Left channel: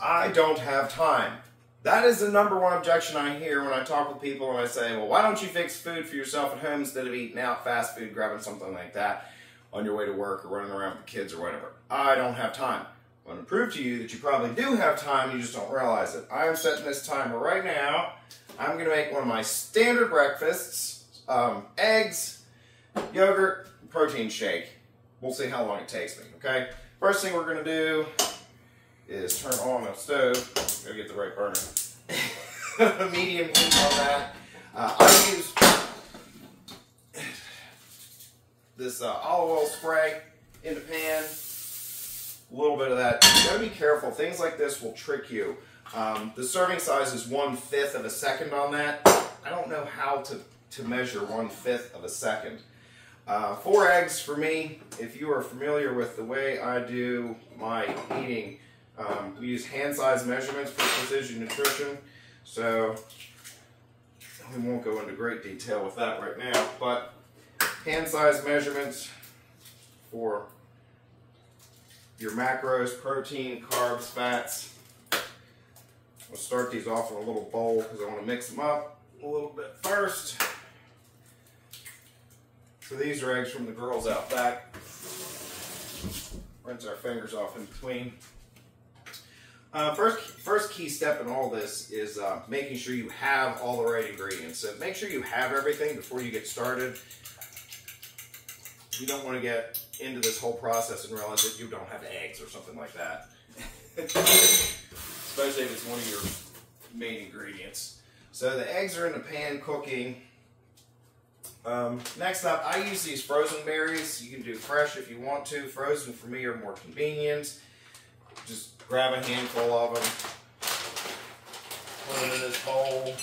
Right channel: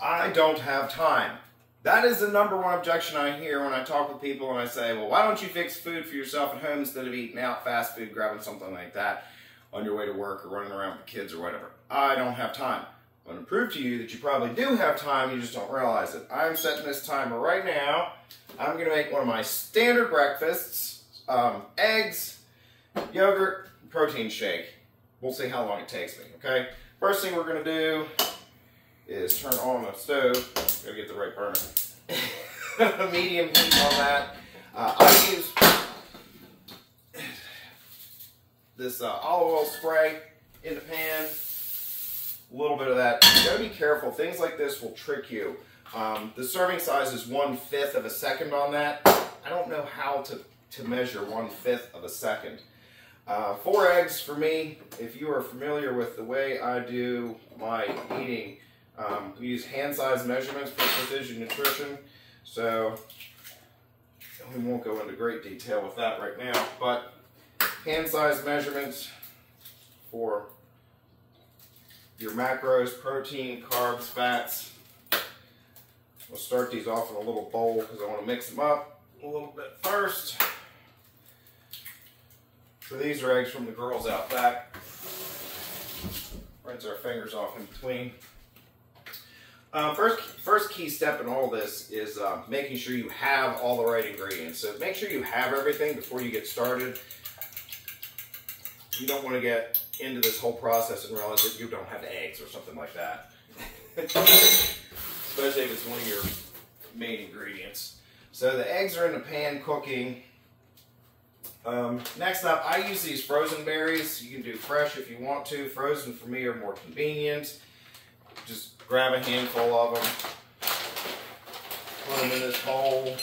I don't have time. That is the number one objection I hear when I talk with people and I say, well, why don't you fix food for yourself at home instead of eating out fast food, grabbing something like that on your way to work or running around with the kids or whatever. I don't have time. I'm going to prove to you that you probably do have time, you just don't realize it. I'm setting this timer right now. I'm going to make one of my standard breakfasts, eggs, yogurt, protein shake. We'll see how long it takes me, okay? First thing we're going to do is turn on the stove. Gotta get the right burner. Medium heat on that. I use this olive oil spray in the pan. A little bit of that. You gotta be careful. Things like this will trick you. The serving size is 1/5 of a second on that. I don't know how to measure 1/5 of a second. 4 eggs for me. If you are familiar with the way I do my eating, we use hand size measurements for precision nutrition. So we won't go into great detail with that right now, but hand size measurements for your macros, protein, carbs, fats. We'll start these off in a little bowl because I want to mix them up a little bit first. So these are eggs from the girls out back. Rinse our fingers off in between. First key step in all this is making sure you have all the right ingredients. So make sure you have everything before you get started. You don't want to get into this whole process and realize that you don't have eggs or something like that. Especially if it's one of your main ingredients. So the eggs are in the pan cooking. Next up, I use these frozen berries. You can do fresh if you want to. Frozen for me are more convenient. Just grab a handful of them, put them in this bowl.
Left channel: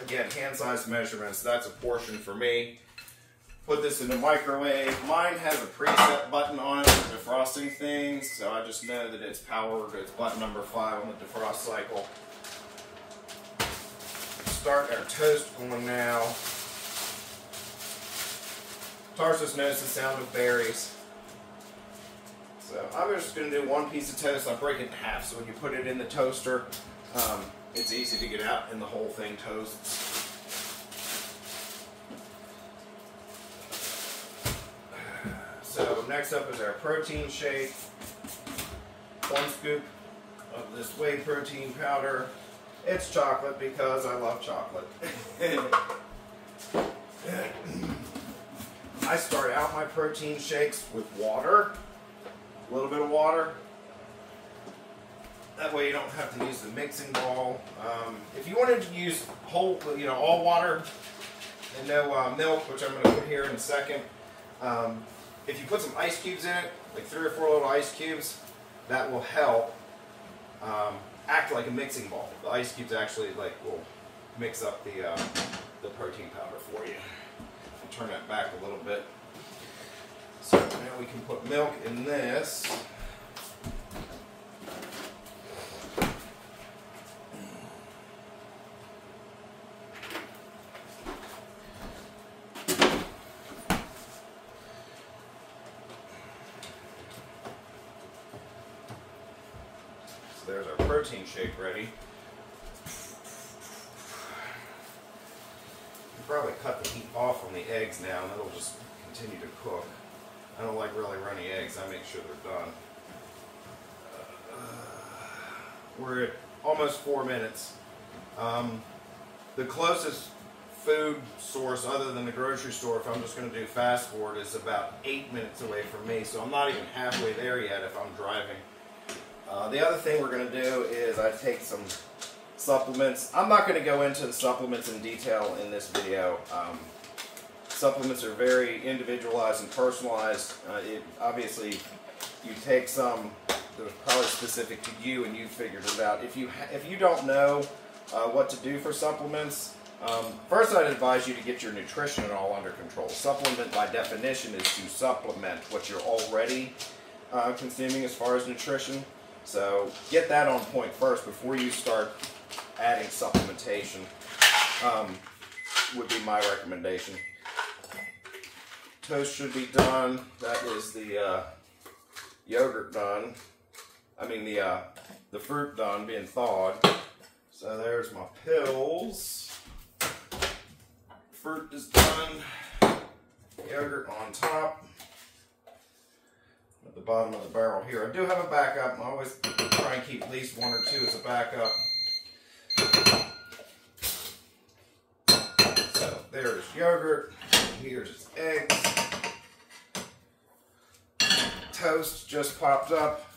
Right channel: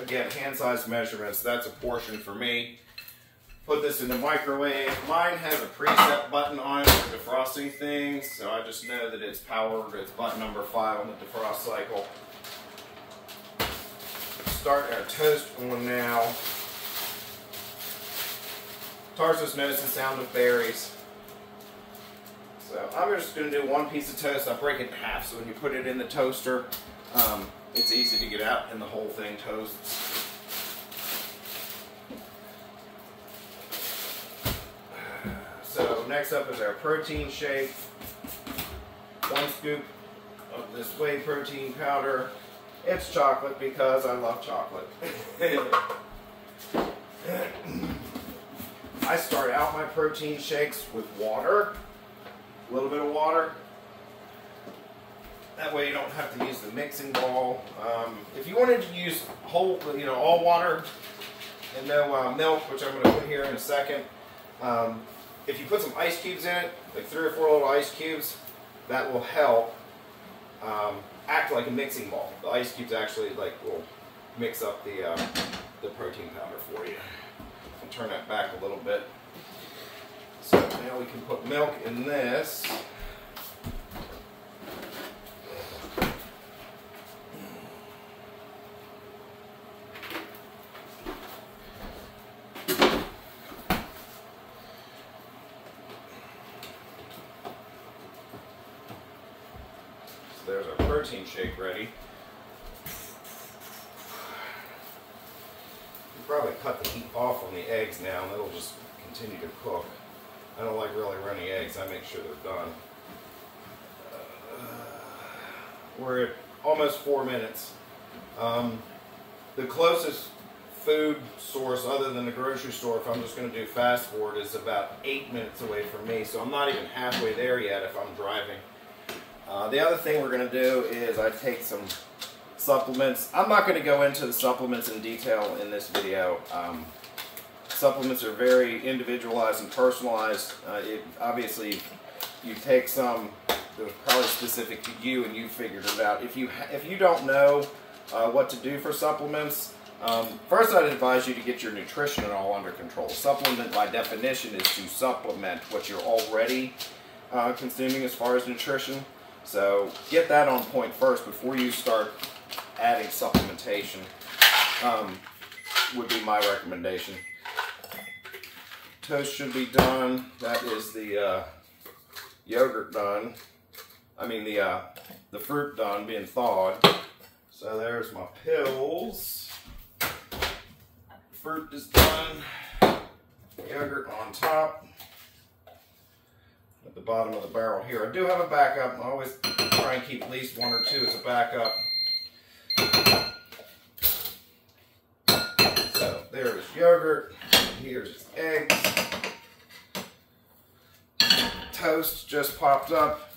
Again, hand-sized measurements, that's a portion for me. Put this in the microwave. Mine has a preset button on it for defrosting things, so I just know that it's powered. It's button number 5 on the defrost cycle. Start our toast on now. Tarsus knows the sound of berries. So I'm just going to do one piece of toast. I break it in half, so when you put it in the toaster, it's easy to get out and the whole thing toasts. So next up is our protein shake. 1 scoop of this whey protein powder. It's chocolate because I love chocolate. I start out my protein shakes with water. A little bit of water. That way you don't have to use the mixing bowl. If you wanted to use whole, all water and no milk, which I'm going to put here in a second, if you put some ice cubes in it, like 3 or 4 little ice cubes, that will help act like a mixing bowl. The ice cubes actually will mix up the protein powder for you. I'll turn that back a little bit. So now we can put milk in this. So there's our protein shake ready. You probably cut the heat off on the eggs now and it'll just continue to cook. I don't like really runny eggs. I make sure they're done. We're at almost 4 minutes. The closest food source other than the grocery store, if I'm just going to do fast forward, is about 8 minutes away from me. So I'm not even halfway there yet if I'm driving. The other thing we're going to do is I take some supplements. I'm not going to go into the supplements in detail in this video. Supplements are very individualized and personalized. Obviously, you take some that are probably specific to you and you figured it out. If you don't know what to do for supplements, first I'd advise you to get your nutrition and all under control. Supplement by definition is to supplement what you're already consuming as far as nutrition. So get that on point first before you start adding supplementation, would be my recommendation. Toast should be done. That is the yogurt done. the fruit done being thawed. So there's my pills. Fruit is done. Yogurt on top. At the bottom of the barrel here. I do have a backup. I always try and keep at least one or two as a backup. So there's yogurt. Here's eggs. Toast just popped up.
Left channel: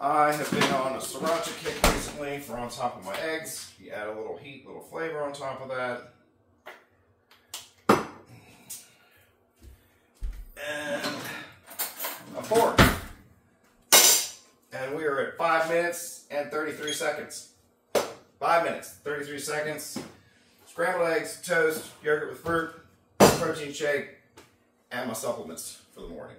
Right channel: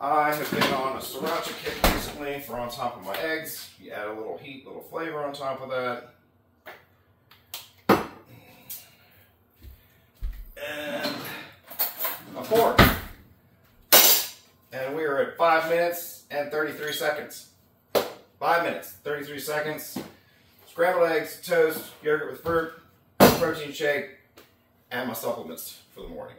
I have been on a sriracha kick recently for on top of my eggs. You add a little heat, little flavor on top of that. And a fork. And we are at 5 minutes and 33 seconds. 5 minutes, 33 seconds. Scrambled eggs, toast, yogurt with fruit, protein shake, and my supplements for the morning.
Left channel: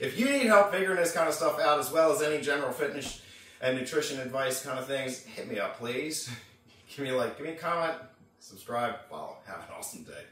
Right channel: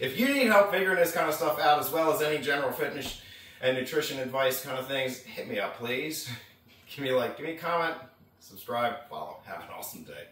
If you need help figuring this kind of stuff out, as well as any general fitness and nutrition advice kind of things, hit me up, please. Give me a like, give me a comment, subscribe, follow. Have an awesome day.